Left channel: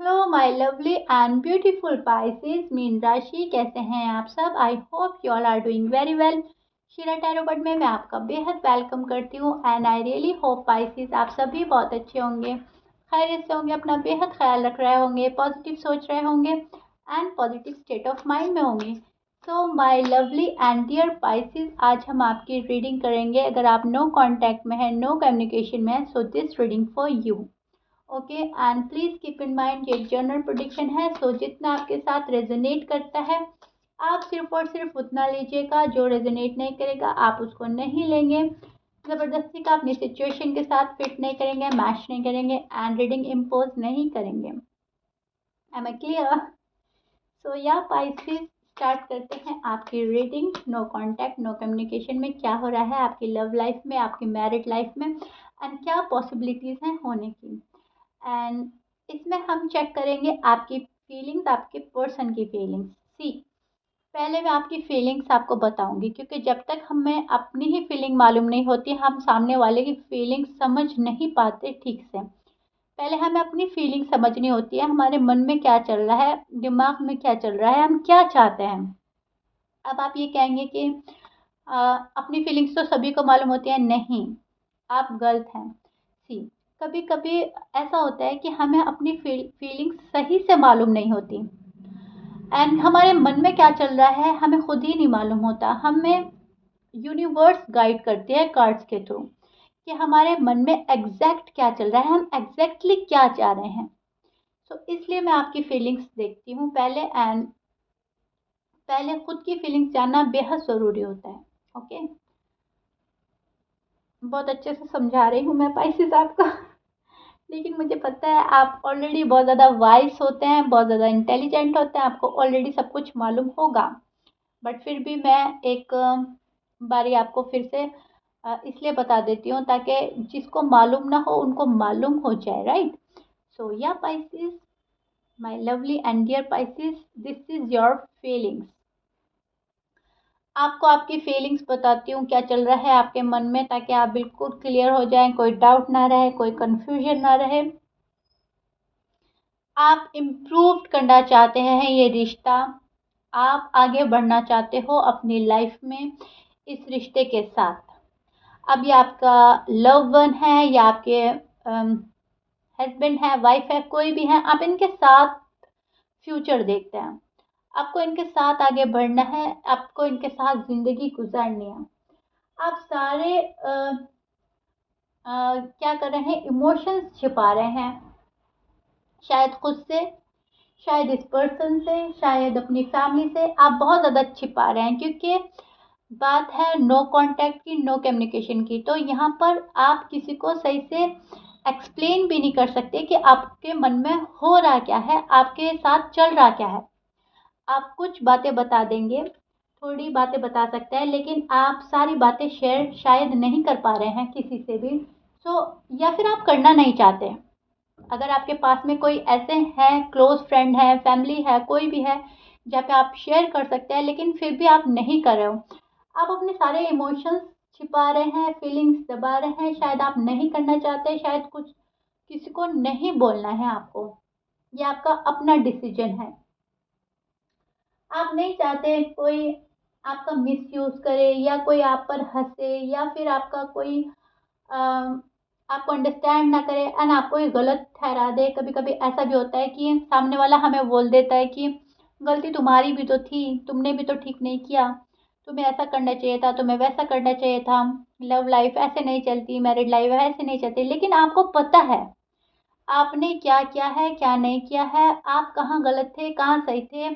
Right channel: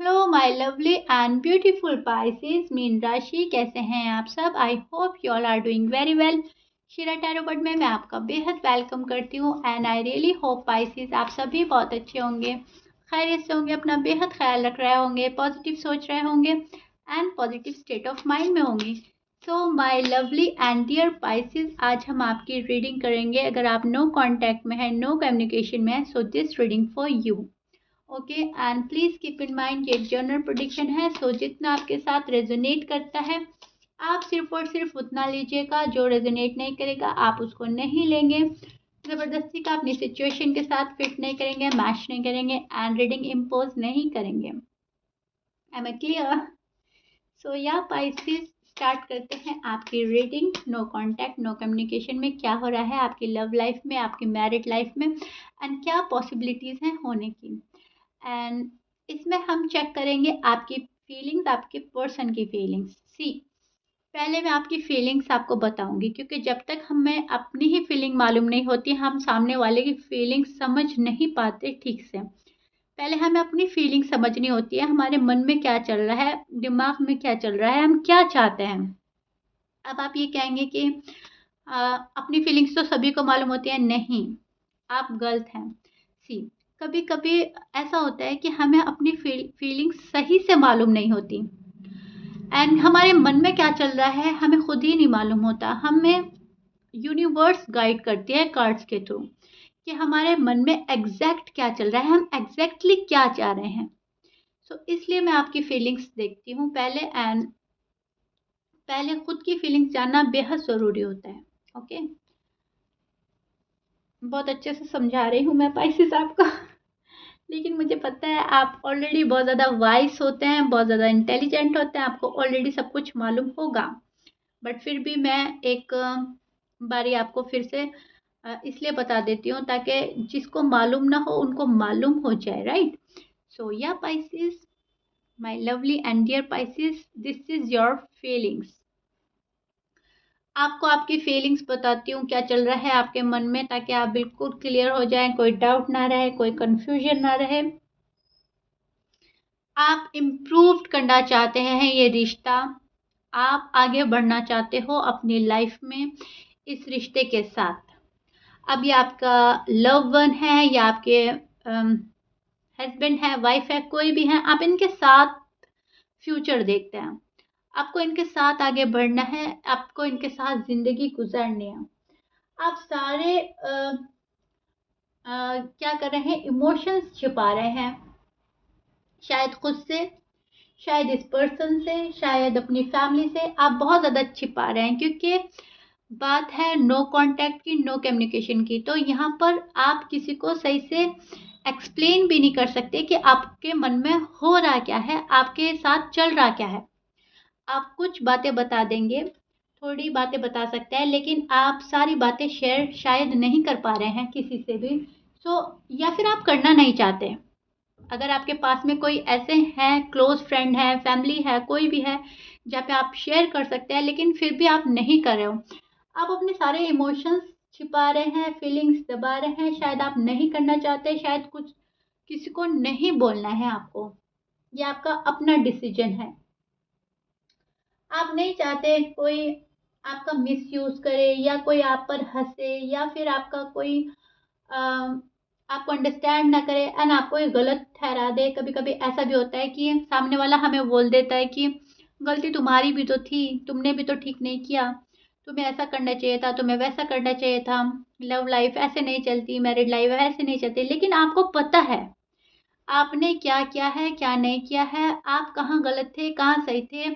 Hello my lovely and beautiful Pisces मीन राशि, कैसे हैं आप सब। I hope you all are doing very well. Shira tarot bird में मैं आपका बेहद वेलकम करती हूँ and I really hope Pisces आप सभी बहुत अच्छे होंगे, खैरियत से होंगे, अपना बेहद ख्याल रख रहे होंगे, पॉजिटिव सोच रहे होंगे and positive state of mind में होंगे। So my lovely and dear Pisces, आज हम आपकी रीडिंग करेंगे। अगर आप नो कॉन्टैक्ट में है, नो कम्युनिकेशन में है, so this reading for you. Okay and please keep in mind ये एक जनरल प्रेडिक्शन है, सो जितना आपके साथ रेजोनेट करता है आप सिर्फ और सिर्फ उतना लीजिएगा, जो रेजोनेट नहीं करेगा आप उसको नहीं लेंगे। ज़बरदस्ती का अपनी सिचुएशन के साथ फिट नहीं करेंगे, मैच नहीं करेंगे एंड रीडिंग इम्पोज नहीं करेंगे। M I clear? So yeah Pisces, start करते हैं आपकी reading. No contact, no communication में क्या हो रहा है आपकी लव लाइफ में, आपकी मैरिड लाइफ में एंड क्या पॉसिबिलिटीज़ हैं होने की। एंड इसमें हम चेक करेंगे आपकी फीलिंग्स, आपके पर्सन की फीलिंग्स। सी, पहले मैं आपकी फीलिंग्स आपको बताऊंगी, क्योंकि जब तक हमें अपनी ही फीलिंग मालूम नहीं होती हम सामने वाले की फीलिंग्स समझ नहीं पाते ठीक से। पहले हमें अपनी फीलिंग समझनी होती है, हमारे मन में क्या चल रहा है, दिमाग में क्या चल रहा है, हम क्या चाहते हैं। अब आप ये कहेंगे कि अपनी फीलिंग्स तो सभी को मालूम होती है, नहीं, आप गलत हैं। सी, कभी कभी ऐसा होता है कि हमें अपनी फीलिंग्स सही से मालूम नहीं होती एंड हमारे मन में क्या चल रहा है हमें खुद ही नहीं मालूम होता। हमें यूनिवर्स गाइड करती है कार्ड्स के थ्रू कि हमारे मन में एग्जैक्ट क्या चल रहा है, हम एग्जैक्टली क्या चाह रहे हैं। सो इसलिए मैं आपकी फीलिंग्स देखती हूँ पहले, एंड पहले खुद की फीलिंग्स जानना बेहद ज़रूरी होता है। ओके, बहुत अच्छे से समझा रही हूँ मैं पाइसेस आपको लेकिन मुझे पता है आप ऑलरेडी बहुत ज़्यादा वाइस होते हैं, बहुत ज़्यादा इंटेलिजेंट होते हैं, आपको ऑलरेडी सब कुछ मालूम होगा। बट फिर भी मैं एक बारी आपको फिर से इसलिए बता देती हूँ ताकि जिसको मालूम ना हो उनको मालूम हो जाए, right. So yeah Pisces, my lovely and dear Pisces, this is your feelings. आपको आपकी फीलिंग्स बताती हूँ क्या चल रहा है आपके मन में, ताकि आप बिल्कुल क्लियर हो जाएं, कोई डाउट ना रहे, कोई कंफ्यूजन ना रहे। आप इम्प्रूव करना चाहते हैं ये रिश्ता, आप आगे बढ़ना चाहते हो अपनी लाइफ में इस रिश्ते के साथ। अब ये आपका लव वन है या आपके हस्बैंड है, वाइफ है, कोई भी है, आप इनके साथ फ्यूचर देखते हैं। आपको इनके साथ आगे बढ़ना है, आपको इनके साथ ज़िंदगी गुजारनी है। आप सारे क्या कर रहे हैं, इमोशंस छिपा रहे हैं, शायद खुद से, शायद इस पर्सन से, शायद अपनी फैमिली से। आप बहुत ज़्यादा छिपा रहे हैं क्योंकि बात है नो कांटेक्ट की, नो कम्युनिकेशन की। तो यहाँ पर आप किसी को सही से एक्सप्लेन भी नहीं कर सकते कि आपके मन में हो रहा क्या है, आपके साथ चल रहा क्या है। आप कुछ बातें बता देंगे, थोड़ी बातें बता सकते हैं, लेकिन आप सारी बातें शेयर शायद नहीं कर पा रहे हैं किसी से भी। सो या फिर आप करना नहीं चाहते। अगर आपके पास में कोई ऐसे हैं, क्लोज फ्रेंड है, फैमिली है, कोई भी है जहाँ पे आप शेयर कर सकते हैं, लेकिन फिर भी आप नहीं कर रहे हो। आप अपने सारे इमोशंस छिपा रहे हैं, फीलिंग्स दबा रहे हैं, शायद आप नहीं करना चाहते, शायद कुछ किसी को नहीं बोलना है आपको। ये आपका अपना डिसीजन है। आप नहीं चाहते कोई आपका मिसयूज करे या कोई आप पर हंसे या फिर आपका कोई आपको अंडरस्टैंड ना करे एंड आपको ये गलत ठहरा दे। कभी कभी ऐसा भी होता है कि सामने वाला हमें बोल देता है कि गलती तुम्हारी भी तो थी, तुमने भी तो ठीक नहीं किया, तुम्हें ऐसा करना चाहिए था, तुम्हें वैसा करना चाहिए था, लव लाइफ ऐसे नहीं चलती, मैरिड लाइफ ऐसे नहीं चलती। लेकिन आपको पता है आपने क्या किया है, क्या नहीं किया है, आप कहाँ गलत थे, कहाँ सही थे,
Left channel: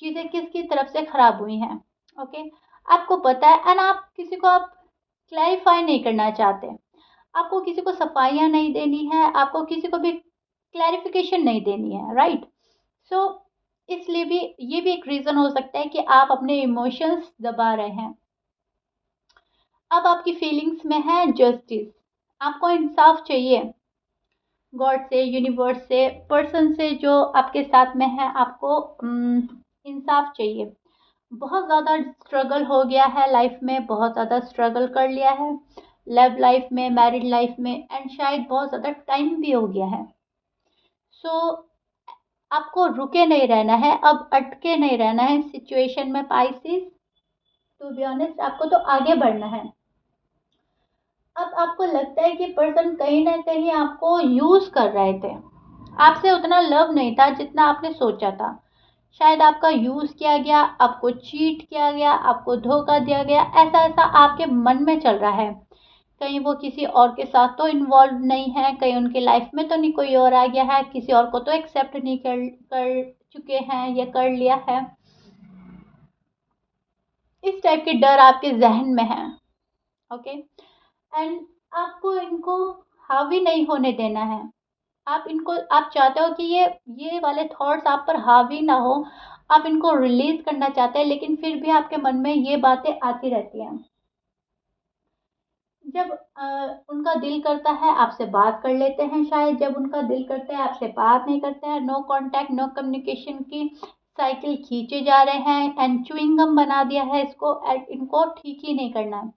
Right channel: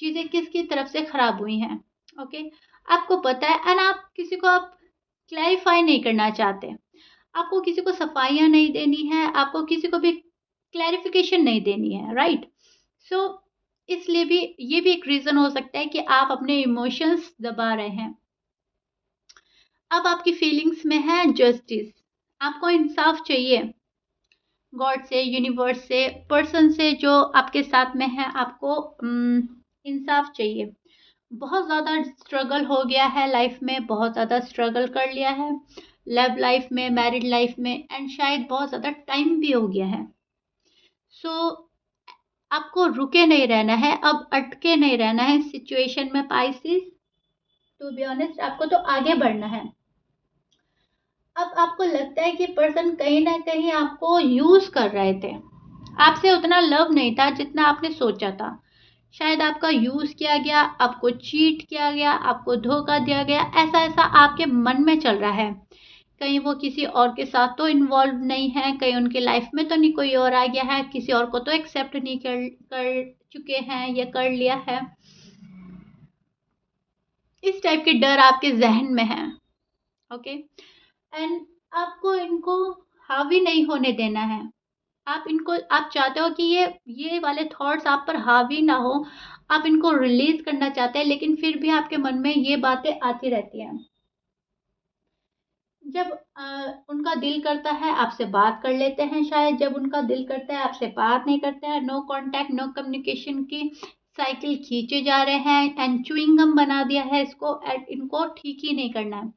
चीज़ें किसकी तरफ से खराब हुई हैं। ओके, आपको पता है एंड आप किसी को आप क्लैरिफाई नहीं करना चाहते, आपको किसी को सफाइयाँ नहीं देनी है, आपको किसी को भी क्लैरिफिकेशन नहीं देनी है, राइट। सो इसलिए भी ये भी एक रीज़न हो सकता है कि आप अपने इमोशंस दबा रहे हैं। अब आपकी फीलिंग्स में है जस्टिस, आपको इंसाफ चाहिए गॉड से, यूनिवर्स से, पर्सन से जो आपके साथ में है, आपको इंसाफ चाहिए। बहुत ज़्यादा स्ट्रगल हो गया है लाइफ में, बहुत ज़्यादा स्ट्रगल कर लिया है लव लाइफ में, मैरिड लाइफ में एंड शायद बहुत ज़्यादा टाइम भी हो गया है। सो आपको रुके नहीं रहना है, अब अटके नहीं रहना है सिचुएशन में पाइसेस। टू बी ऑनेस्ट, आपको तो आगे बढ़ना है। अब आपको लगता है कि पर्सन कहीं ना कहीं आपको यूज कर रहे थे, आपसे उतना लव नहीं था जितना आपने सोचा था। शायद आपका यूज किया गया, आपको चीट किया गया, आपको धोखा दिया गया, ऐसा ऐसा आपके मन में चल रहा है। कहीं वो किसी और के साथ तो इन्वॉल्व नहीं है, कहीं उनकी लाइफ में तो नहीं कोई और आ गया है, किसी और को तो एक्सेप्ट नहीं कर चुके हैं या कर लिया है। इस टाइप के डर आपके जहन में है। ओके, एंड आपको इनको हावी नहीं होने देना है। आप चाहते हो कि ये वाले थॉट्स आप पर हावी ना हो, आप इनको रिलीज करना चाहते हैं, लेकिन फिर भी आपके मन में ये बातें आती रहती हैं। जब उनका दिल करता है आपसे बात कर लेते हैं, शायद जब उनका दिल करता है आपसे बात नहीं करते हैं, नो कांटेक्ट नो कम्युनिकेशन की साइकिल खींचे जा रहे हैं, एंड च्युइंगम बना दिया है इसको, एंड इनको ठीक ही नहीं करना है।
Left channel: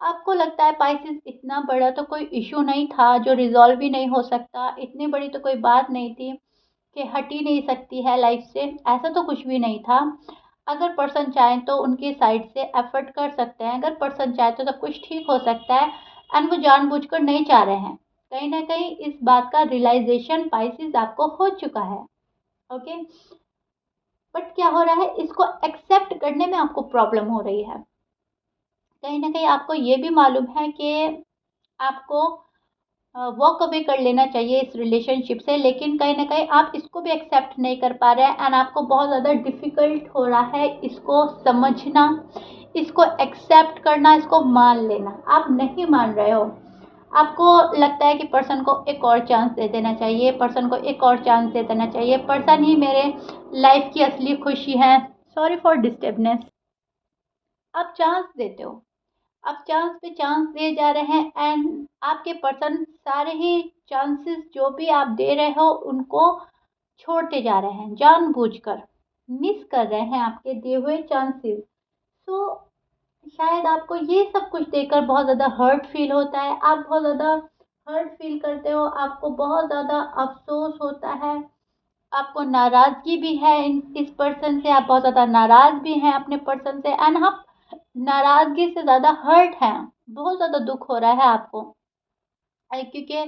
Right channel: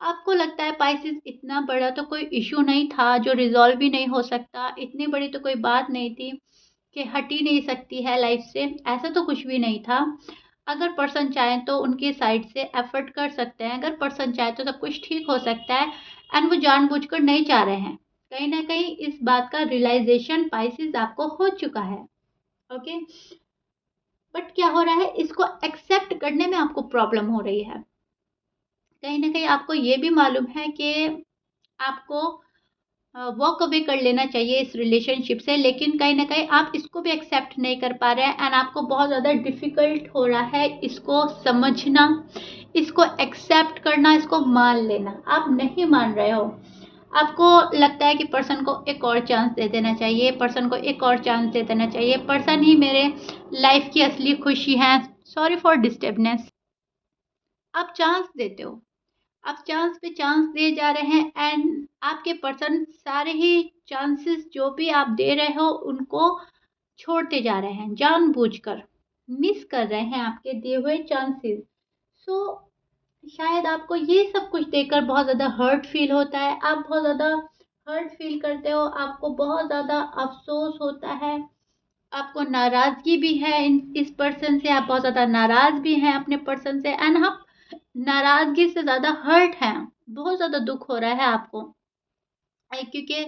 आपको लगता है पाइसेस इतना बड़ा तो कोई इशू नहीं था जो रिजॉल्व भी नहीं हो सकता, इतनी बड़ी तो कोई बात नहीं थी कि हट ही नहीं सकती है लाइफ से, ऐसा तो कुछ भी नहीं था। अगर पर्सन चाहे तो उनकी साइड से एफर्ट कर सकते हैं, अगर पर्सन चाहे तो सब कुछ ठीक हो सकता है, एंड वो जानबूझकर नहीं चाह रहे हैं। कहीं ना कहीं इस बात का रियलाइजेशन पाइसेस आपको हो चुका है। ओके, बट क्या हो रहा है, इसको एक्सेप्ट करने में आपको प्रॉब्लम हो रही है। कहीं ना कहीं आपको ये भी मालूम है कि आपको वॉक अवे कर लेना चाहिए इस रिलेशनशिप से, लेकिन कहीं ना कहीं आप इसको भी एक्सेप्ट नहीं कर पा रहे हैं, एंड आपको बहुत ज़्यादा डिफ़िकल्ट हो रहा है इसको समझना, इसको एक्सेप्ट करना, इसको मान लेना। आप नहीं मान रहे हो, आपको लगता है कि पर्सन को एक और चांस दे देना चाहिए, पर्सन को एक और चांस दे देना चाहिए, पर्सन ही मेरे लाइफ की असली खुशी है। Sorry for disturbance. आप चांस देते हो, आप चांस पे चांस दिए जा रहे हैं, एंड आपके पर्सन सारे ही चांसेस जो भी आप दे रहे हो उनको छोड़ते जा रहे हैं, जानबूझकर मिस कर रहे हैं आपके दिए हुए चांसेस। सो शायद आपको ये सब कुछ देखकर बहुत ज़्यादा हर्ट फील होता है, आप बहुत ज़्यादा हर्ट फील करते हो, आपको बहुत ज़्यादा अफसोस होता है, आपको नाराज़गी भी है इस पर्सन से, आप बहुत ज़्यादा नाराज़ भी हैं अपने पर्सन से, एंड आप नाराज़गी से ज़्यादा हर्ट हैं, बहुत ज़्यादा दुख हो रहा है आपको, क्योंकि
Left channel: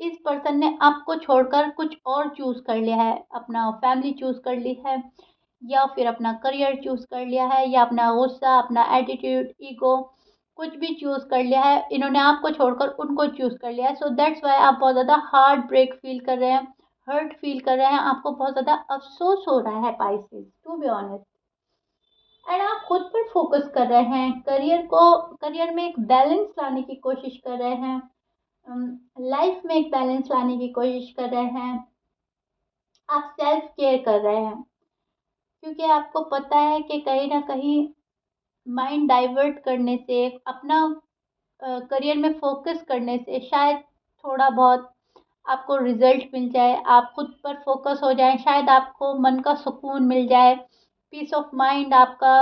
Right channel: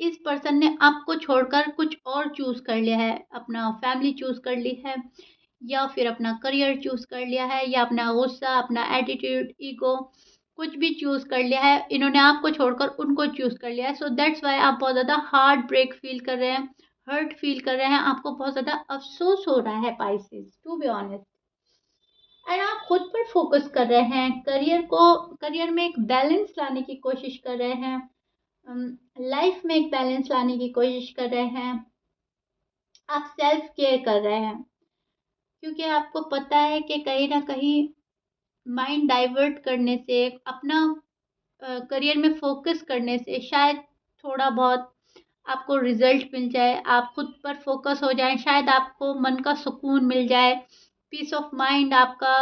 इस पर्सन ने आपको छोड़कर कुछ और चूज़ कर लिया है, अपना फैमिली चूज़ कर ली है, या फिर अपना करियर चूज़ कर लिया है, या अपना गुस्सा, अपना एटीट्यूड, ईगो, कुछ भी चूज़ कर लिया है। इन्होंने आपको छोड़कर उनको चूज़ कर लिया है, सो दैट्स वाई आप बहुत ज़्यादा हार्ट ब्रेक फील कर रहे हैं, हर्ट फील कर रहे हैं, आपको बहुत ज़्यादा अफसोस हो रहा है Pisces, to be honest. And आप खुद पर फोकस कर रहे हैं, करियर में एक बैलेंस लाने की कोशिश कर रहे हैं, लाइफ में एक बैलेंस लाने की कोशिश कर रहे हैं, आप सेल्फ केयर कर रहे हैं, क्योंकि आपको पता है कि कहीं ना कहीं माइंड डाइवर्ट करने से, अपना करियर में फोकस करने से शायद थोड़ा बहुत आपको रिजल्ट मिल जाए, आप खुद पर फोकस हो जाए, शायद आपको मन का सुकून मिल जाए, पीस ऑफ माइंड आपका,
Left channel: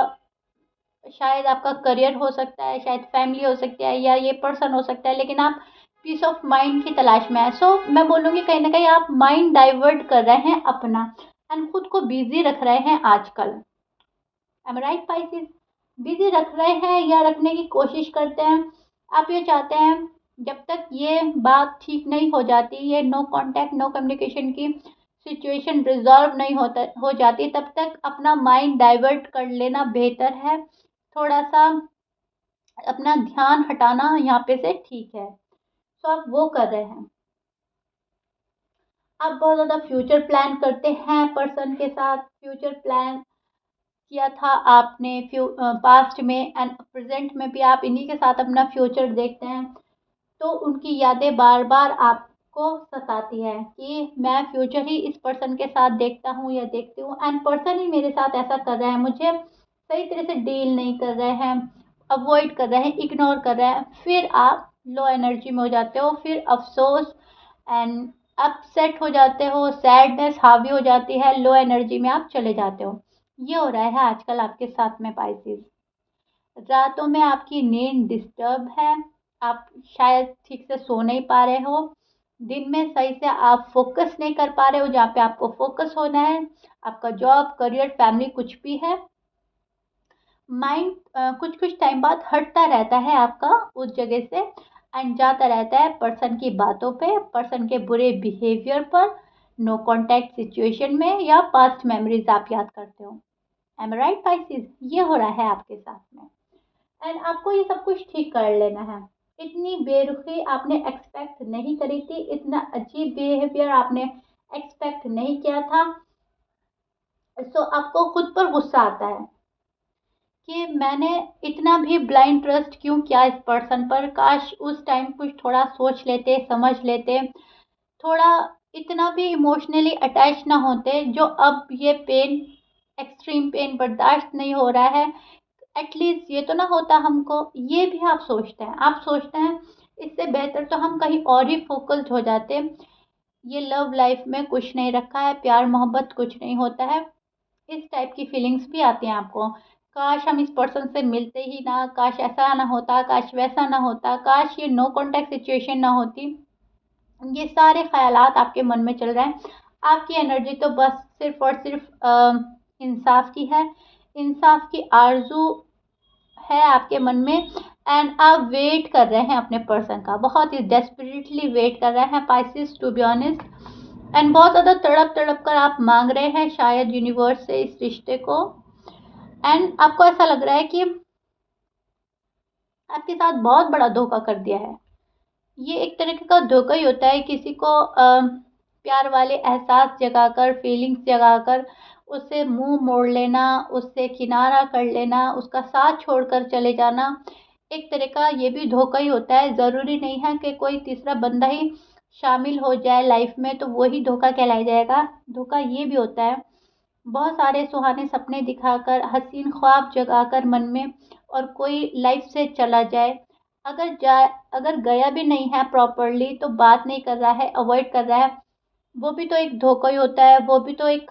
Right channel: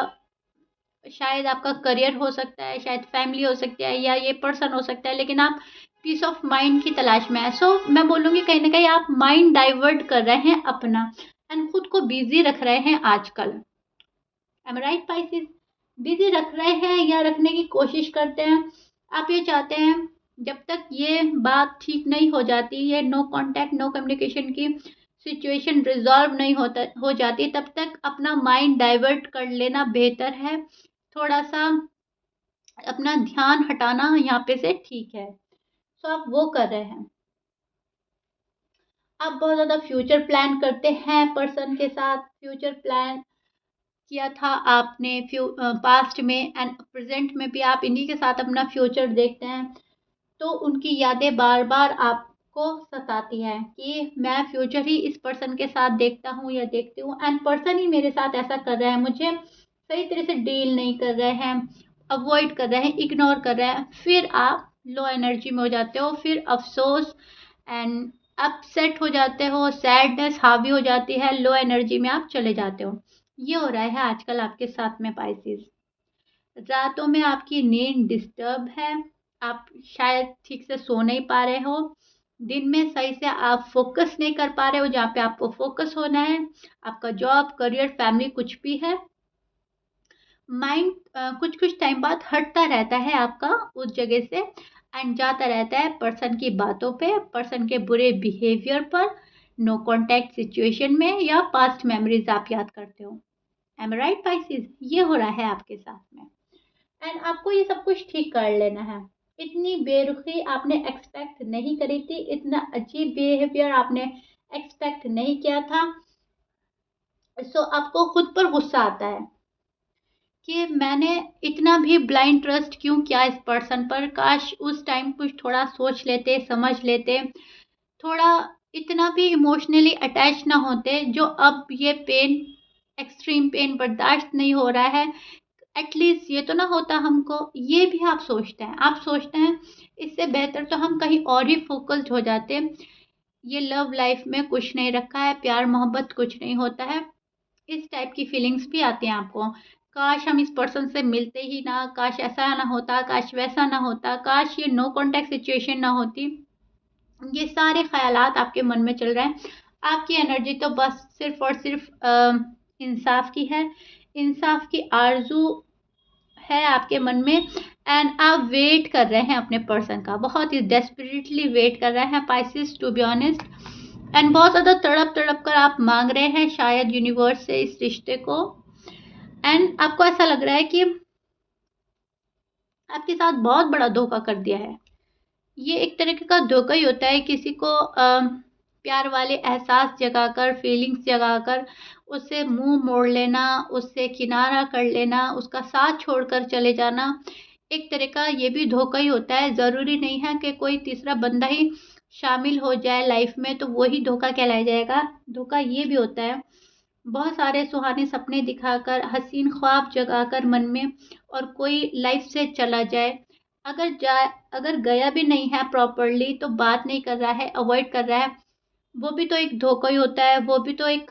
शायद आपका करियर हो सकता है, शायद फैमिली हो सकती है, या ये पर्सन हो सकता है, लेकिन आप पीस ऑफ माइंड की तलाश में है। सो मैं बोलूँगी कहीं ना कहीं आप माइंड डाइवर्ट कर रहे हैं अपना, एंड खुद को बिजी रख रहे हैं आजकल। M right Pisces? बिजी रख रहे हैं या रखने की कोशिश करते हैं। आप ये चाहते हैं जब तक ये बात ठीक नहीं हो जाती, ये नो कांटेक्ट नो कम्युनिकेशन की सिचुएशन रिजॉल्व नहीं हो जाती, तब तक अपना माइंड डाइवर्ट कर लेना बेहतर है। थोड़ा सा अपना ध्यान हटाना यहाँ पे से ठीक है। सो आप वो कर रहे हैं। आप बहुत ज़्यादा फ्यूचर प्लान करते हैं पर्सन के साथ, फ्यूचर प्लान किया था आपने पास्ट में, एंड प्रेजेंट में भी आप इन्हीं के साथ अपना फ्यूचर देखते हैं, तो उनकी यादें बार बार आपको सताती है कि मैं फ्यूचर ही इस पर्सन के साथ देखता हूँ या देखती हूँ, एंड पर्सन ही मेरे साथ ऐसा कर रहे हैं, मुझे सही तरह से डील नहीं कर रहे हैं, अवॉइड कर रहे हैं, इग्नोर कर रहे हैं। फिर आप लो एनर्जी में हो जाते हो, फिर अफसोस एंड अपसेट हो जाते हो, सैडनेस हावी हो जाती है, लो एनर्जी में आप चले जाते हो। ये हो रहा है आजकल आपके साथ में पाइसेस। रातों में आपकी नींद डिस्टर्ब है, आप शायद ठीक से सो नहीं पा रहे हो, दिन में सही से आप फोकस नहीं कर पा रहे हो जहाँ पे आपको फोकस होना है, आपका जॉब, करियर, फैमिली कुछ भी है। माइंड कुछ कुछ टाइम बाद हटता रहता है आपका उस जगह से एंड जाता रहता है पर्सन की बातों पे, पर्सन के बुरे बिहेवियर पर, नो कॉन्टैक्ट सिचुएशन में, या पास्ट मेमोरीज आप याद करते हो। एम आई राइट पाइसिस? ये हो रहा है आपके साथ में एंड आपको ये सब कुछ ठीक कर लेना है। इतनी बेरुखी आपने एक्सपेक्ट नहीं करी थी, इतना अजीब बिहेवियर आपने एक्सपेक्ट नहीं किया था। सो आपको खुद पर गुस्सा आता है कि मैंने इतना भी ब्लाइंड ट्रस्ट क्यों किया इस पर्सन पर। काश उस टाइम कुछ थोड़ा सोच लेते, समझ लेते, थोड़ा इतना भी इमोशनली अटैच ना होते। जो अब ये पेन, एक्सट्रीम पेन बर्दाश्त नहीं हो रहा है, एटलीस्ट ये तो ना होता हमको। ये भी आप सोचते हैं, आप सोचते हैं इससे बेहतर तो हम कहीं और ही फोकस्ड हो जाते। ये लव लाइफ में कुछ नहीं रखा है, प्यार मोहब्बत कुछ नहीं होता है। इस टाइप की फीलिंग्स भी आती हैं आपको। काश हम इस पर्सन से मिलते ही ना, काश ऐसा ना होता, काश वैसा ना होता, काश ये नो कॉन्टैक्ट सिचुएशन ना होती। ये सारे ख्यालात आपके मन में चल रहे हैं। आपकी एनर्जी तो बस सिर्फ और सिर्फ इंसाफ की है, इंसाफ की आरजू है आपके मन में एंड आप वेट कर रहे हैं अपने पर्सन का, बहुत ही डेस्परेटली वेट कर रहे हैं Pisces, to be honest. And बहुत ज़्यादा तड़प तड़प कर आप मांग रहे हैं शायद यूनिवर्स से इस रिश्ते को। एंड आपको ऐसा लग रहा है कि आपके साथ बहुत बड़ा धोखा कर दिया है। ये एक तरीके का धोखा ही होता है, किसी को प्यार वाले एहसास जगाकर, फीलिंग्स जगाकर उससे मुंह मोड़ लेना, उससे किनारा कर लेना, उसका साथ छोड़कर चले जाना। एक तरह का ये भी धोखा ही होता है। ज़रूरी नहीं है कि कोई तीसरा बंदा ही शामिल हो जाए लाइफ में तो वही धोखा कहलाया जाएगा। धोखा ये भी होता है बहुत सारे सुहाने सपने दिखाकर, हसीन ख्वाब जगाकर मन में, और कोई लाइफ से चला जाए। अगर गया भी नहीं है प्रॉपरली तो बात नहीं कर रहा है, अवॉइड कर रहा है, वो भी तो एक धोखा ही होता है। वो भी तो एक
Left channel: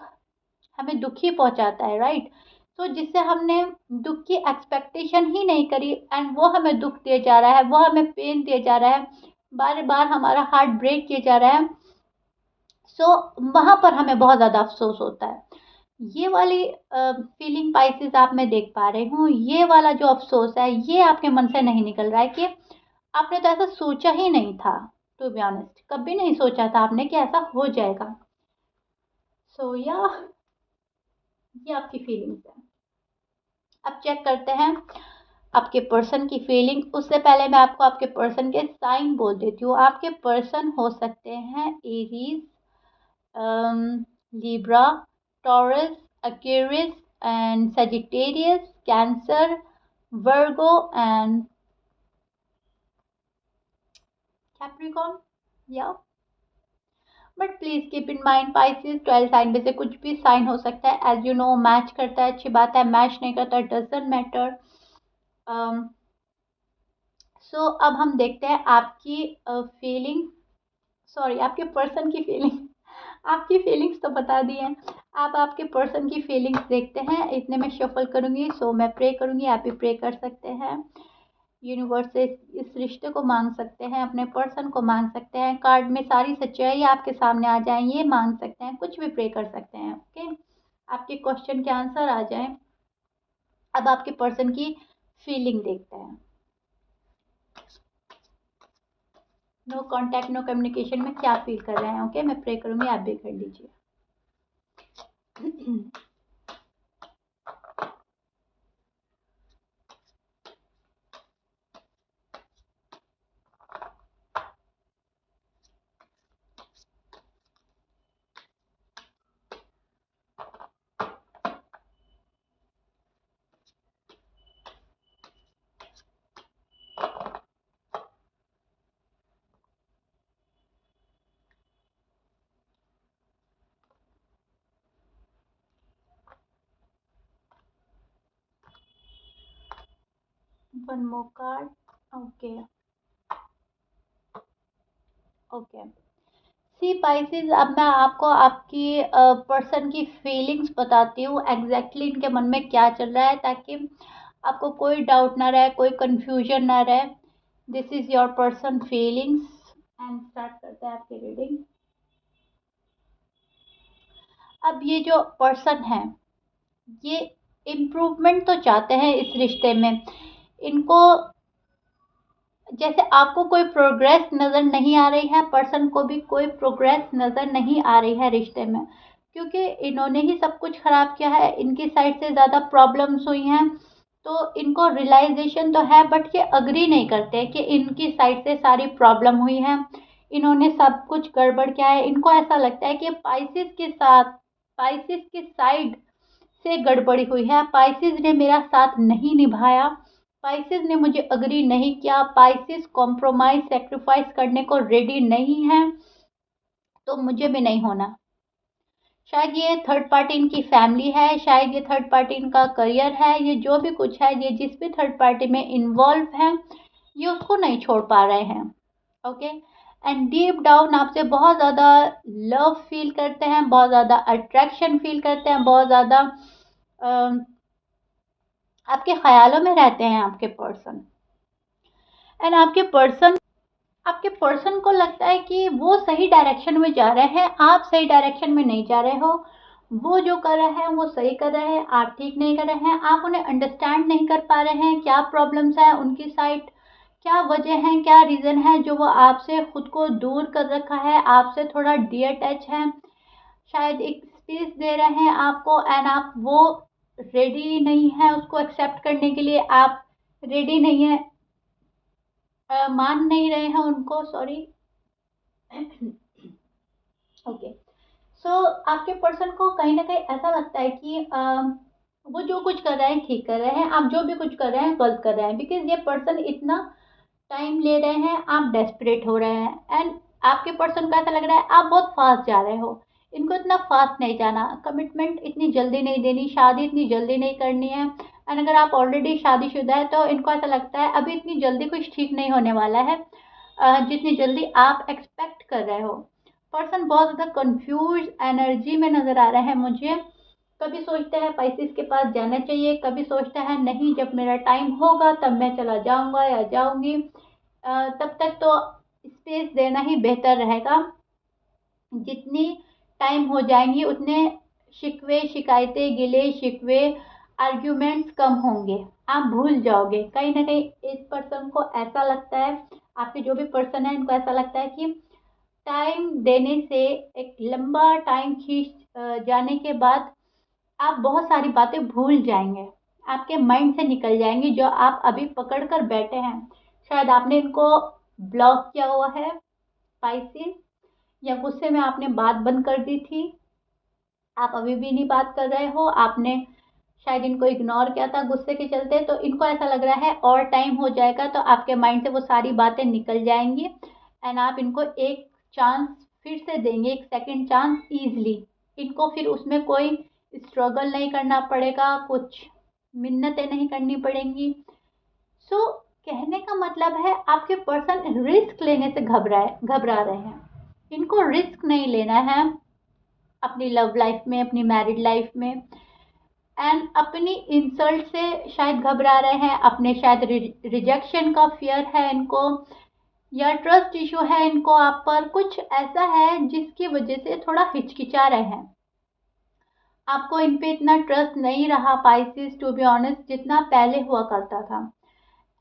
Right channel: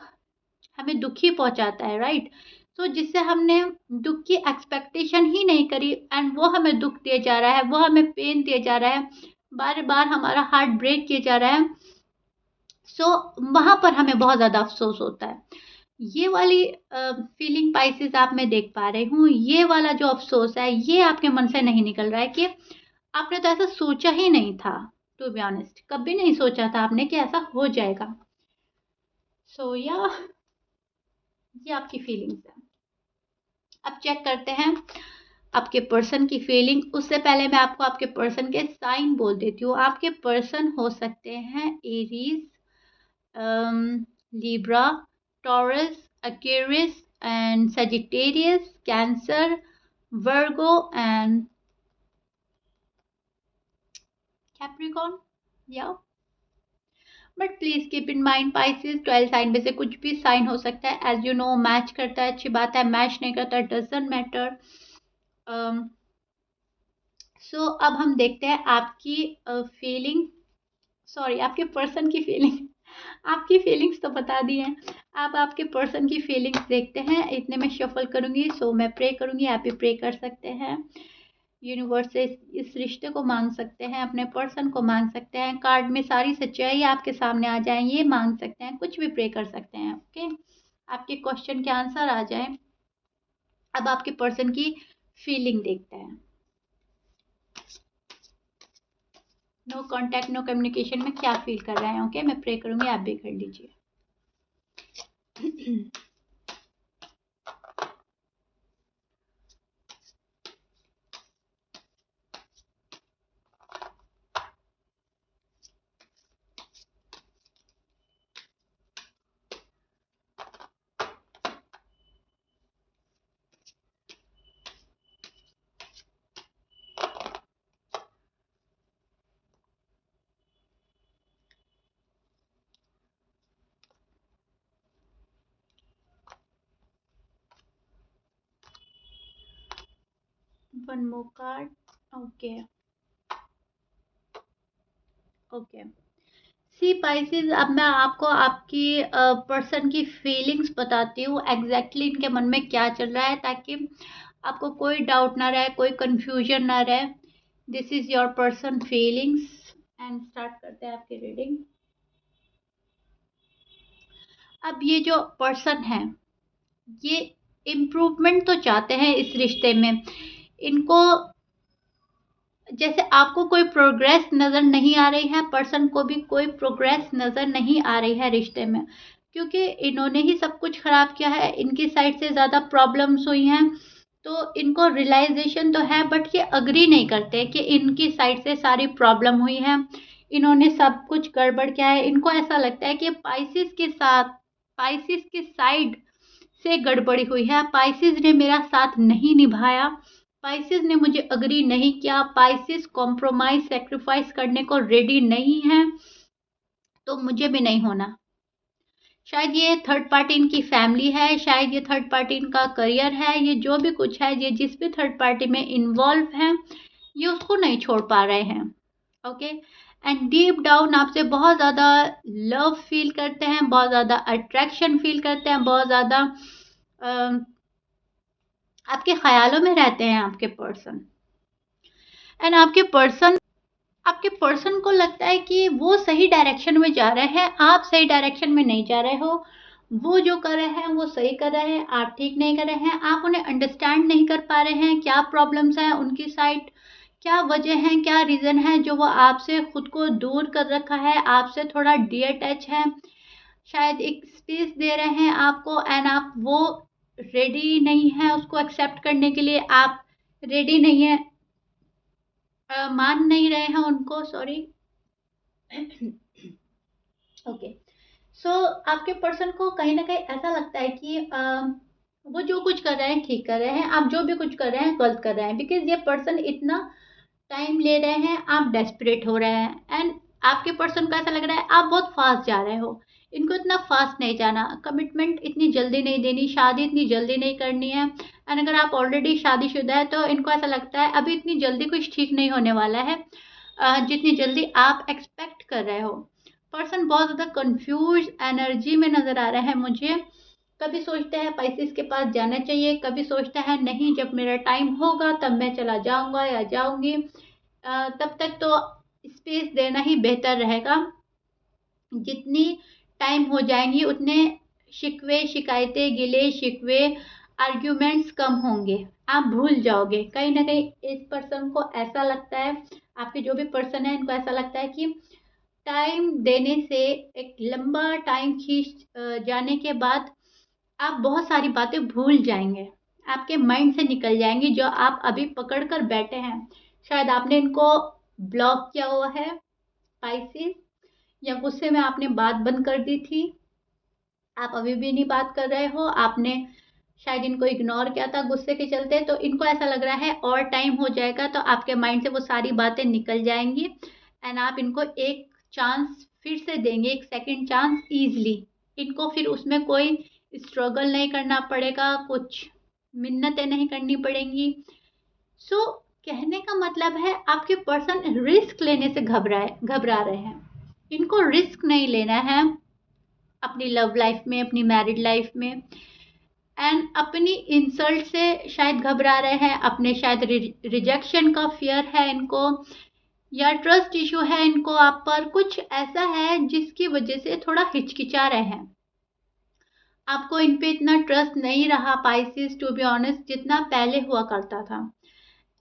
हमें दुख ही पहुंचाता है, राइट? तो जिससे हमने दुख की एक्सपेक्टेशन ही नहीं करी एंड वो हमें दुख दिए जा रहा है, वो हमें पेन दिए जा रहा है, बार बार हमारा हार्ट ब्रेक किया जा रहा है। सो वहाँ पर हमें बहुत ज़्यादा अफसोस होता है। ये वाली फीलिंग पाइसेस आप मैं देख पा रही हूँ। ये वाला जो अफसोस है ये आपके मन से नहीं निकल रहा है कि आपने तो ऐसा सोचा ही नहीं था। टू बी ऑनेस्ट, कभी नहीं सोचा था आपने कि ऐसा हो जाएगा। सो या ये आपकी फीलिंग्स है। अब चेक करते हैं आपके पर्सन की फीलिंग। उससे पहले मैं आपको आपके पर्सन के साइन बोल देती हूँ। आपके पर्सन हो सकते हैं Aries, Libra, Taurus, aquarius and sagittarius, cancer, virgo and capricorn, या but please keep in mind Pisces 12 sign में से कुछ भी साइन हो सकता है। एज यू नो, मैच करता है अच्छी बात है, मैच नहीं करता डजंट मैटर। सो अब हम देखते हैं आपकी फीलिंग, सॉरी आपके पर्सन की फीलिंग। आपकी फीलिंग्स तो बता दी हैं, आप आपके पर्सन की फीलिंग्स देखते हैं। इतने में शफल करूंगी, सो मैं प्रे करूंगी, आप भी प्रे कर सकते हैं। यूनिवर्स से इस रिश्ते को मांग सकते हैं, अपने पर्सन को मांग सकते हैं। कार्ड में सारी सच्चाई आपके सामने आ जाए, ये मांग सकते हैं, कुछ भी प्रे कर सकते हैं। ओके, आपके क्वेश्चन के आंसर आ जाए। अब आपके पर्सन की फीलिंग देखते हैं। नो कांटेक्ट, नो कम्युनिकेशन में क्या फील कर रहे हैं। ओके, मैं प्रे करूंगी, आप भी कर लीजिए। One more card. Okay okay, see pieces, अब मैं आपको आपकी पर्सन की फीलिंग्स बताती हूँ एग्जैक्टली इनके मन में क्या चल रहा है, ताकि आपको कोई डाउट ना रहे, कोई कंफ्यूजन ना रहे। This is your person feelings. And start करते हैं आपकी रीडिंग। अब ये जो पर्सन है, ये इम्प्रूवमेंट तो चाहते हैं इस रिश्ते में। इनको जैसे आपको कोई प्रोग्रेस नज़र नहीं आ रही है, पर्सन को भी कोई प्रोग्रेस नज़र नहीं आ रही है रिश्ते में, क्योंकि इन्होंने ही सब कुछ ख़राब किया है। इनकी साइड से ज़्यादा प्रॉब्लम्स हुई हैं, तो इनको रियलाइजेशन तो है, बट ये अग्री नहीं करते कि इनकी साइड से सारी प्रॉब्लम हुई है, इन्होंने सब कुछ गड़बड़ किया है। इनको ऐसा लगता है कि पाइसिस की साइड से गड़बड़ी हुई है, पाइसिस ने मेरा साथ नहीं निभाया, पाइसिस ने मुझे अग्री नहीं किया, पाइसिस कॉम्प्रोमाइज सेक्रीफाइस करने को रेडी नहीं है, तो मुझे भी नहीं होना। शायद ये थर्ड पार्टी इनकी फैमिली है, शायद ये थर्ड पार्टी इनका करियर है, ये जो भी कुछ है, ये जिस भी थर्ड पार्टी में इन्वॉल्व है, ये उसको नहीं छोड़ पा रहे हैं। ओके, एंड डीप डाउन आपसे बहुत ज़्यादा लव फील करते हैं, बहुत ज़्यादा अट्रैक्शन फील करते हैं, बहुत ज़्यादा आपके ख्यालों में रहते हैं आपके पर्सन। एंड आपके पर्सन को लगता है कि वो सही डायरेक्शन में जा रहे हैं, आप सही डायरेक्शन में नहीं जा रहे हो। वो जो कर रहे हैं वो सही कर रहे हैं, आप ठीक नहीं कर रहे हैं। आप उन्हें अंडरस्टैंड नहीं कर पा रहे हैं, क्या प्रॉब्लम्स हैं उनकी साइड, क्या वजह है, क्या रीज़न है जो वो आपसे खुद को दूर कर रखा है, आपसे थोड़ा डिटैच है। शायद एक स्पेस दे रहे हैं आपको, एंड आप वो रेडी नहीं है उसको एक्सेप्ट करने के लिए, आप रेडी नहीं है, मान नहीं रहे हैं उनको, सॉरी। ओके, सो आपके पर्सन को कहीं ना कहीं ऐसा लगता है कि वो जो कुछ कर रहे हैं ठीक कर रहे हैं, आप जो भी कुछ कर रहे हैं गलत कर रहे हैं, बिकॉज ये पर्सन इतना टाइम ले रहे हैं, आप डेस्परेट हो रहे हैं। एंड आपके पर्सन को ऐसा लग रहा है आप बहुत फास्ट जा रहे हो, इनको इतना फास्ट नहीं जाना, कमिटमेंट इतनी जल्दी नहीं देनी, शादी इतनी जल्दी नहीं करनी है। एंड अगर आप ऑलरेडी शादीशुदा है तो इनको ऐसा लगता है अभी इतनी जल्दी कुछ ठीक नहीं होने वाला है, जितनी जल्दी आप एक्सपेक्ट कर रहे हो। पर्सन बहुत ज़्यादा कंफ्यूज एनर्जी में नज़र आ रहा है मुझे। कभी सोचता है पाइसेस के पास जाना चाहिए, कभी सोचता है नहीं जब मेरा टाइम होगा तब मैं चला जाऊंगा या जाऊंगी, तब तक तो स्पेस देना ही बेहतर रहेगा। जितनी टाइम हो जाएंगी उतने शिकवे शिकायतें गिले शिकवे आर्ग्यूमेंट्स कम होंगे, आप भूल जाओगे। कहीं ना कहीं इस पर्सन को ऐसा लगता है, आपके जो भी पर्सन है इनको ऐसा लगता है कि टाइम देने से, एक लंबा टाइम खींच जाने के बाद आप बहुत सारी बातें भूल जाएंगे, आपके माइंड से निकल जाएंगी जो आप अभी पकड़ कर बैठे हैं। शायद आपने इनको ब्लॉक किया हुआ है स्पाइसेस, या गुस्से में आपने बात बंद कर दी थी, आप अभी भी नहीं बात कर रहे हो, आपने शायद इनको इग्नोर किया था गुस्से के चलते, तो इनको ऐसा लग रहा है और टाइम हो जाएगा तो आपके माइंड से वो सारी बातें निकल जाएंगी, एंड आप इनको एक चांस फिर से देंगे, एक सेकंड चांस ईजली। इनको फिर उसमें कोई स्ट्रगल नहीं करना पड़ेगा, कुछ मिन्नतें नहीं करनी पड़ेंगी। सो कहने का मतलब है आपके पर्सन रिस्क लेने से घबरा रहे हैं, इनको रिस्क नहीं लेना है अपनी लव लाइफ में, अपनी मैरिड लाइफ में। एंड अपनी इंसल्ट से शायद घबरा रहे हैं, अपने शायद रिजेक्शन का फियर है इनको, या ट्रस्ट इशू है इनको आप पर, कुछ ऐसा है जिसकी वजह से थोड़ा हिचकिचा रहे हैं। आपको इन पे इतना ट्रस्ट नहीं रहा पाइसेस, टू बी ऑनेस्ट, जितना पहले हुआ करता था।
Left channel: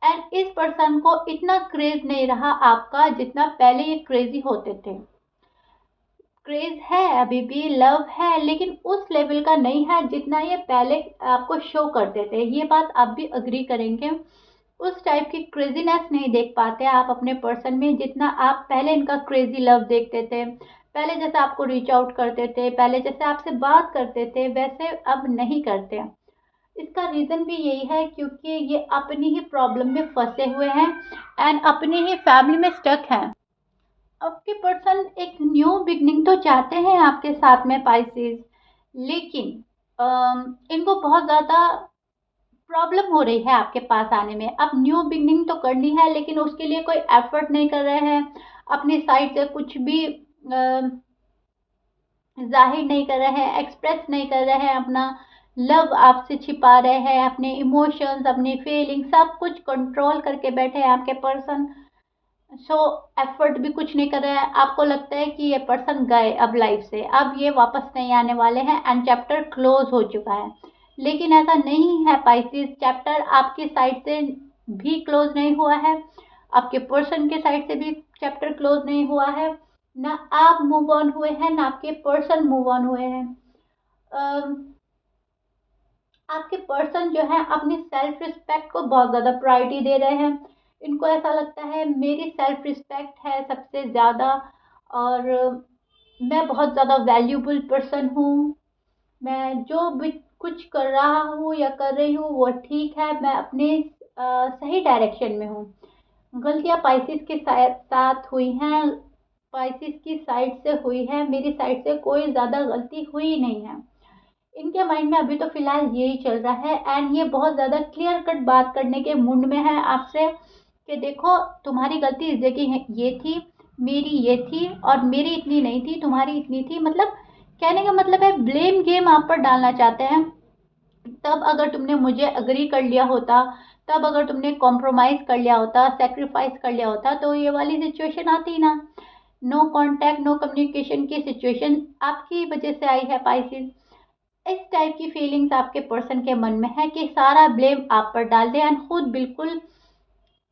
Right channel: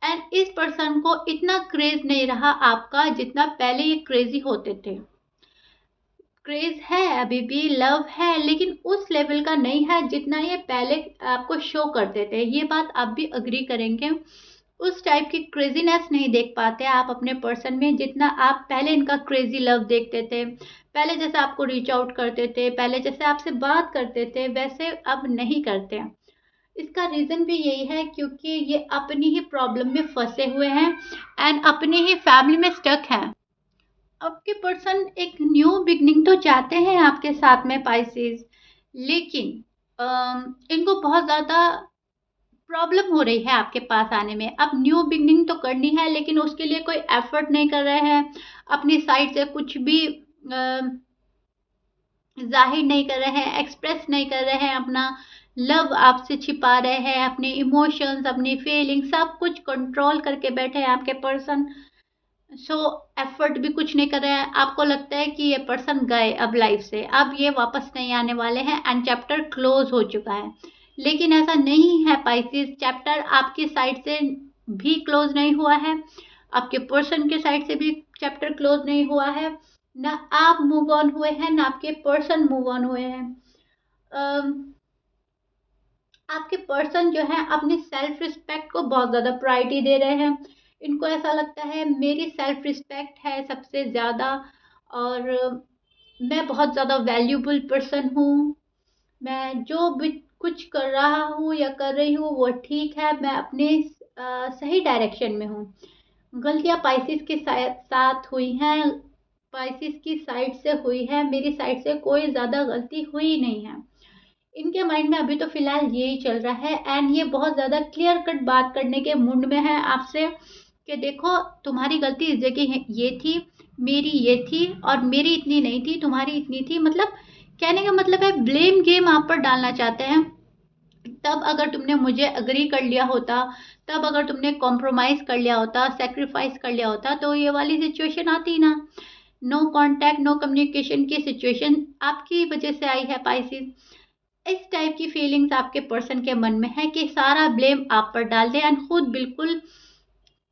एंड इस पर्सन को इतना क्रेज नहीं रहा आपका जितना पहले ये क्रेजी होते थे। क्रेज है अभी भी, लव है, लेकिन उस लेवल का नहीं है जितना ये पहले आपको शो करते थे, ये बात आप भी अग्री करेंगे। उस टाइप की क्रेजीनेस नहीं देख पाते आप अपने पर्सन में जितना आप पहले इनका क्रेजी लव देखते थे, पहले जैसे आपको रीच आउट करते थे, पहले जैसे आपसे बात करते थे, वैसे अब नहीं करते। इसका रीज़न भी यही है क्योंकि ये अपनी ही प्रॉब्लम में फंसे हुए हैं एंड अपनी ही फैमिली में स्टक हैं। आपके पर्सन एक न्यू बिगनिंग तो चाहते हैं आपके साथ में पाइसेस, लेकिन इनको बहुत ज़्यादा प्रॉब्लम हो रही है आपके पास आने में। अब न्यू बिगनिंग तो करनी है लेकिन उसके लिए कोई एफर्ट नहीं कर रहे हैं, अपनी साइड से कुछ भी जाहिर नहीं कर रहे हैं, एक्सप्रेस नहीं कर रहे हैं, अपना लव आपसे छिपा रहे हैं, अपने इमोशंस, अपनी फीलिंग सब कुछ कंट्रोल करके बैठे हैं आपके पर्सन। सो एफर्ट भी कुछ नहीं कर रहे हैं, आपको लगता है कि ये पर्सन गए अब लाइफ से, अब ये वापस नहीं आने वाले हैं एंड चैप्टर क्लोज हो चुका है। लेकिन ऐसा नहीं है पाइसेस, चैप्टर आपकी साइड से भी क्लोज नहीं हुआ है, आपके पर्सन के साइड से भी चैप्टर क्लोज नहीं हुआ है। ना आप मूव ऑन हुए हैं, ना आपके पर्सन मूव ऑन हुए हैं। आपके पर्सन जो है अपनी सेल्फ रिस्पेक्ट को बहुत ज़्यादा प्रायोरिटी दे रहे हैं। इनको ऐसा लगता है मेरी सेल्फ रिस्पेक्ट है सबसे ज़्यादा, और मैं बहुत ज़्यादा वैल्यूबल पर्सन हूँ। मैं जो भी कुछ कर रहा हूँ या कर रही हूँ वो ठीक है, मैं अपने सही डायरेक्शन में हूँ। गलतियाँ पाइसेस के साथ हुई हैं, पाइसेस की साइड से हुई है, मेरी साइड से कोई ज़्यादा गलती हुई नहीं है। इनके माइंड में अभी तो फिलहाल यही चल रहा है एंड ये बहुत ज़्यादा क्लियर कट बात करने के मूड में है आपसे कि देखो तुम्हारी गलती इस जगह ये थी, मेरी ये थी, और मेरी इतनी नहीं थी, तुम्हारी इतनी थी। मतलब कहने का मतलब है ब्लेम गेम आप पर डालना चाहते हैं। तब अगर तुमने मुझे अग्री कर लिया होता, तब अगर तुमने कॉम्प्रोमाइज़ कर लिया होता, सेक्रीफाइस कर लिया होता, तो ये वाली सिचुएशन आती ना। नो कांटेक्ट, नो कम्युनिकेशन की सिचुएशन आपकी वजह से आई है पाइसिस। इस टाइप की फीलिंग्स आपके पर्सन के मन में है कि सारा ब्लेम आप पर डाल दें एंड खुद बिल्कुल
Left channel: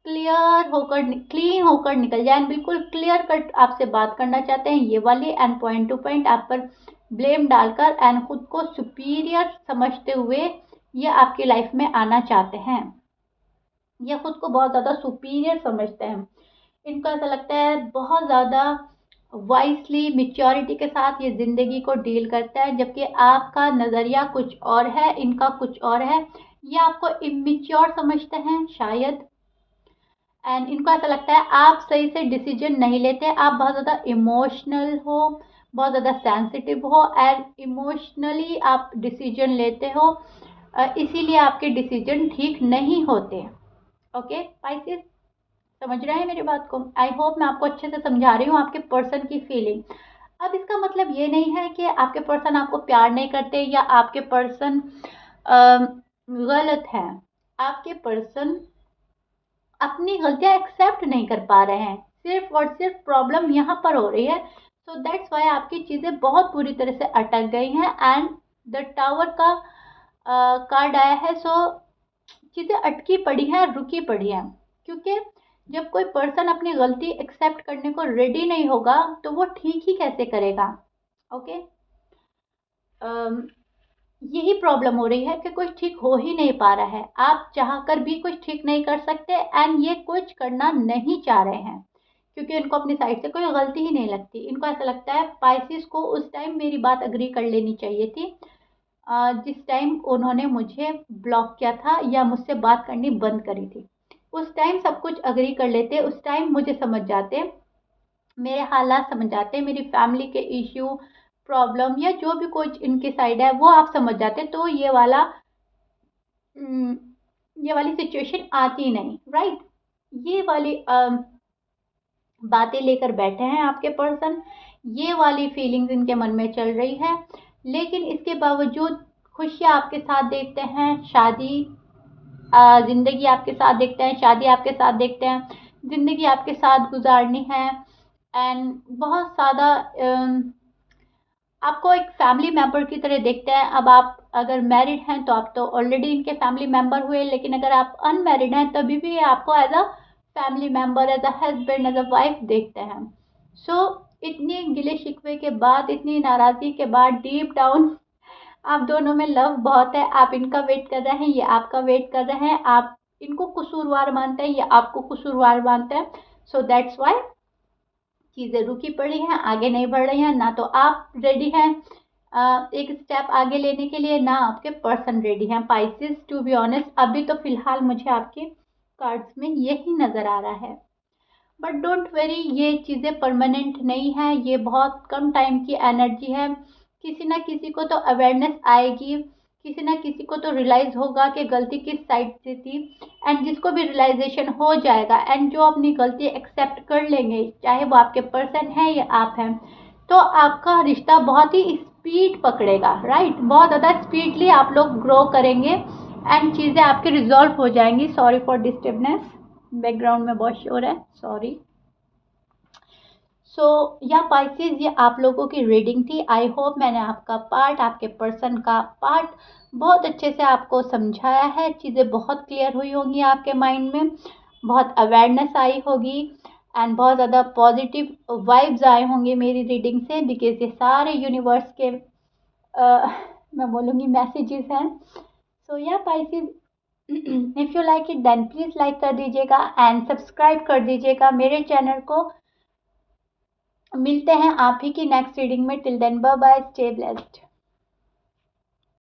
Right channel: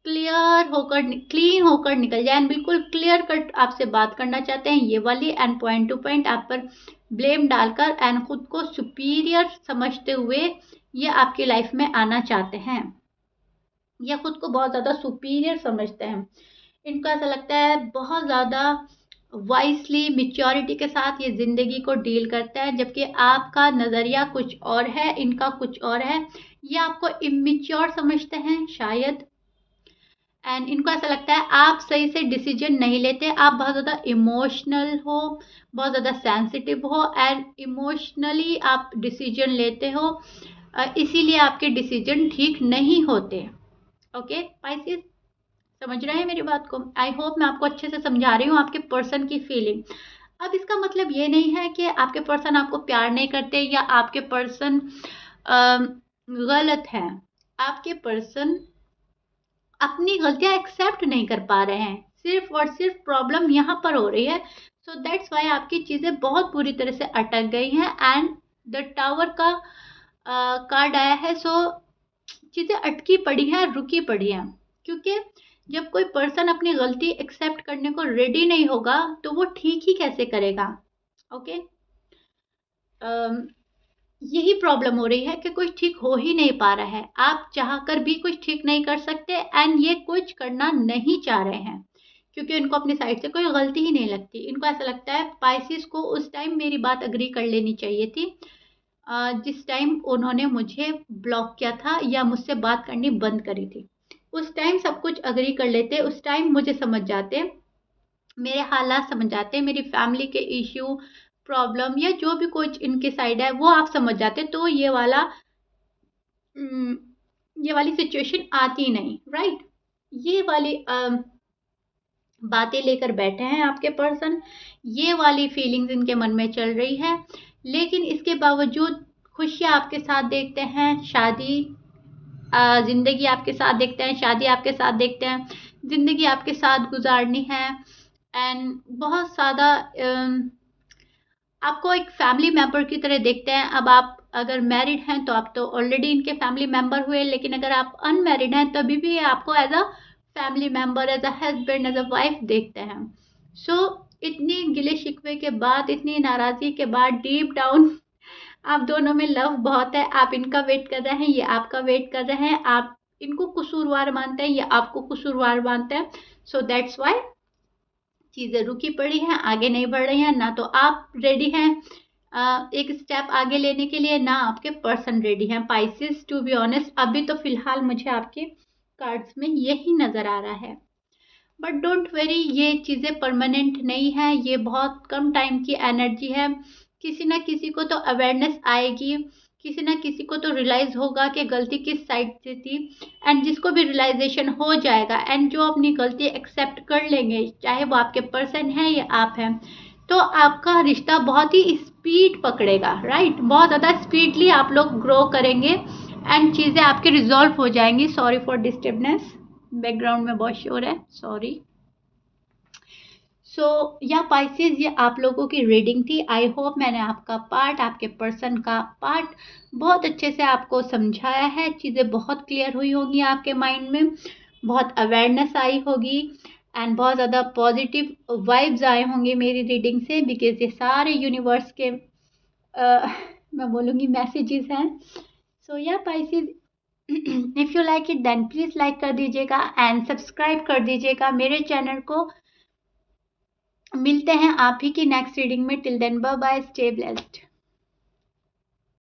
क्लीन होकर निकल जाए एंड बिल्कुल क्लियर कट आपसे बात करना चाहते हैं ये वाली, एंड पॉइंट टू पॉइंट आप पर ब्लेम डालकर एंड खुद को सुपीरियर समझते हुए ये आपकी लाइफ में आना चाहते हैं। ये खुद को बहुत ज़्यादा सुपीरियर समझते हैं। इनको ऐसा लगता है बहुत ज़्यादा वाइसली, मेच्योरिटी के साथ ये ज़िंदगी को डील करता है, जबकि आपका नज़रिया कुछ और है, इनका कुछ और है। ये आपको इमेच्योर समझते हैं शायद, एंड इनको ऐसा लगता है आप सही से डिसीजन नहीं लेते, आप बहुत ज़्यादा इमोशनल हो, बहुत ज़्यादा सेंसिटिव हो एंड इमोशनली आप डिसीजन लेते हो, इसीलिए आपके डिसीजन ठीक नहीं होते। ओके पाइसेस, समझ रहे हैं मेरी बात को? आई होप मैं आपको अच्छे से समझा रही हूँ आपके पर्सन की फीलिंग। अब इसका मतलब ये नहीं है कि आपके पर्सन आपको प्यार नहीं करते या आपके पर्सन गलत हैं। आपके पर्सन अपनी गलतियां एक्सेप्ट नहीं कर पा रहे हैं, सिर्फ और सिर्फ प्रॉब्लम यहाँ पर हो रही है। सो दैट्स वाई आपकी चीज़ें बहुत बुरी तरह से अटक गई हैं एंड द टावर का कार्ड आया है। सो चीज़ें अटकी पड़ी हैं, रुकी पड़ी हैं, क्योंकि जब कोई पर्सन अपनी गलती एक्सेप्ट करने को रेडी नहीं होगा तो वो ठीक ही कैसे करेगा। ओके, यही प्रॉब्लम हो रही है कि कुछ ठीक हो ही नहीं पा रहा है, आप चाहकर भी कुछ ठीक नहीं कर सकते एंड ये कुछ करना नहीं चाह रहे हैं क्योंकि इनको अपनी साइड से कोई गलती ही नहीं लगती। इनको ऐसा लगता है पाइसिस को उस टाइम मेरी बात अग्री कर लेनी चाहिए थी, जिस टाइम उन्होंने मुझे ब्लॉक किया था या मुझसे बात करनी बंद करी थी। उस टाइम सब कुछ अग्री कर लेते, उस टाइम मुझे समझ जाते, मेरे हालात समझ जाते, मेरी फैमिली के इश्यू, प्रॉब्लम या जो भी कुछ इनके साइड है वो आप समझ जाते, तो ये वाली सिचुएशन आती नहीं, राइट। ये वाली बातें लेकर बैठे हैं आपके पर्सन, ये वाली फीलिंग्स इनके मन में चल रही है। लेकिन इसके बावजूद खुशियाँ आपके साथ देखते हैं, शादी ज़िंदगी आपके साथ देखते हैं, शादी आपके साथ देखते हैं, ज़िंदगी आपके साथ गुजारनी है एंड बहुत ज़्यादा आपको एक फैमिली मेंबर की तरह देखते हैं। अब आप अगर मैरिड हैं तो आप तो ऑलरेडी इनके फैमिली मेंबर हुए, लेकिन अगर आप अनमैरिड हैं तभी भी आपको as a family member, as a husband, as a wife देखते हैं। सो इतनी गिले शिकवे के बाद, इतनी नाराज़गी के बाद, डीप डाउन आप दोनों में लव बहुत है। आप इनका वेट कर रहे हैं, ये आपका वेट कर रहे हैं, आप इनको कसूरवार मानते हैं, ये आपको कसूरवार मानते हैं। सो दैट्स वाई चीज़ें रुकी पड़ी हैं, आगे नहीं बढ़ रही हैं। ना तो आप रेडी हैं एक स्टेप आगे लेने के लिए, ना आपके पर्सन रेडी हैं पाइसेस। टू बी ऑनेस्ट अभी तो फिलहाल मुझे आपके कार्ड्स में यही नज़र आ रहा है, बट डोंट वरी, ये चीज़ें परमानेंट नहीं है, ये बहुत कम टाइम की एनर्जी है। किसी ना किसी को तो अवेयरनेस आएगी, किसी ना किसी को तो रियलाइज़ होगा कि गलती किस साइड से थी, एंड जिसको भी रियलाइजेशन हो जाएगा एंड जो अपनी गलती एक्सेप्ट कर लेंगे, चाहे वो आपके पर्सन है या आप हैं, तो आपका रिश्ता बहुत ही स्पीड पकड़ेगा, राइट। बहुत ज़्यादा स्पीडली आप लोग ग्रो करेंगे एंड चीज़ें आपकी रिजॉल्व हो जाएंगी। सॉरी फॉर डिस्टर्बनेस, बैकग्राउंड में बहुत शोर है, सॉरी। सो या पाइसेस, ये आप लोगों की रीडिंग थी। आई होप मैंने आपका पार्ट, आपके पर्सन का पार्ट बहुत अच्छे से आपको समझाया है। चीज़ें बहुत क्लियर हुई होंगी आपके माइंड में, बहुत अवेयरनेस आई होगी एंड बहुत ज़्यादा पॉजिटिव वाइब्स आए होंगे मेरी रीडिंग से, बिकॉज ये सारे यूनिवर्स के मैं बोलूँगी मैसेजेस हैं। So yeah Pisces, if you like it then please like कर दीजिएगा एंड सब्सक्राइब कर दीजिएगा मेरे चैनल को। मिलते हैं आप ही की नेक्स्ट रीडिंग में। Till then bye bye, stay blessed.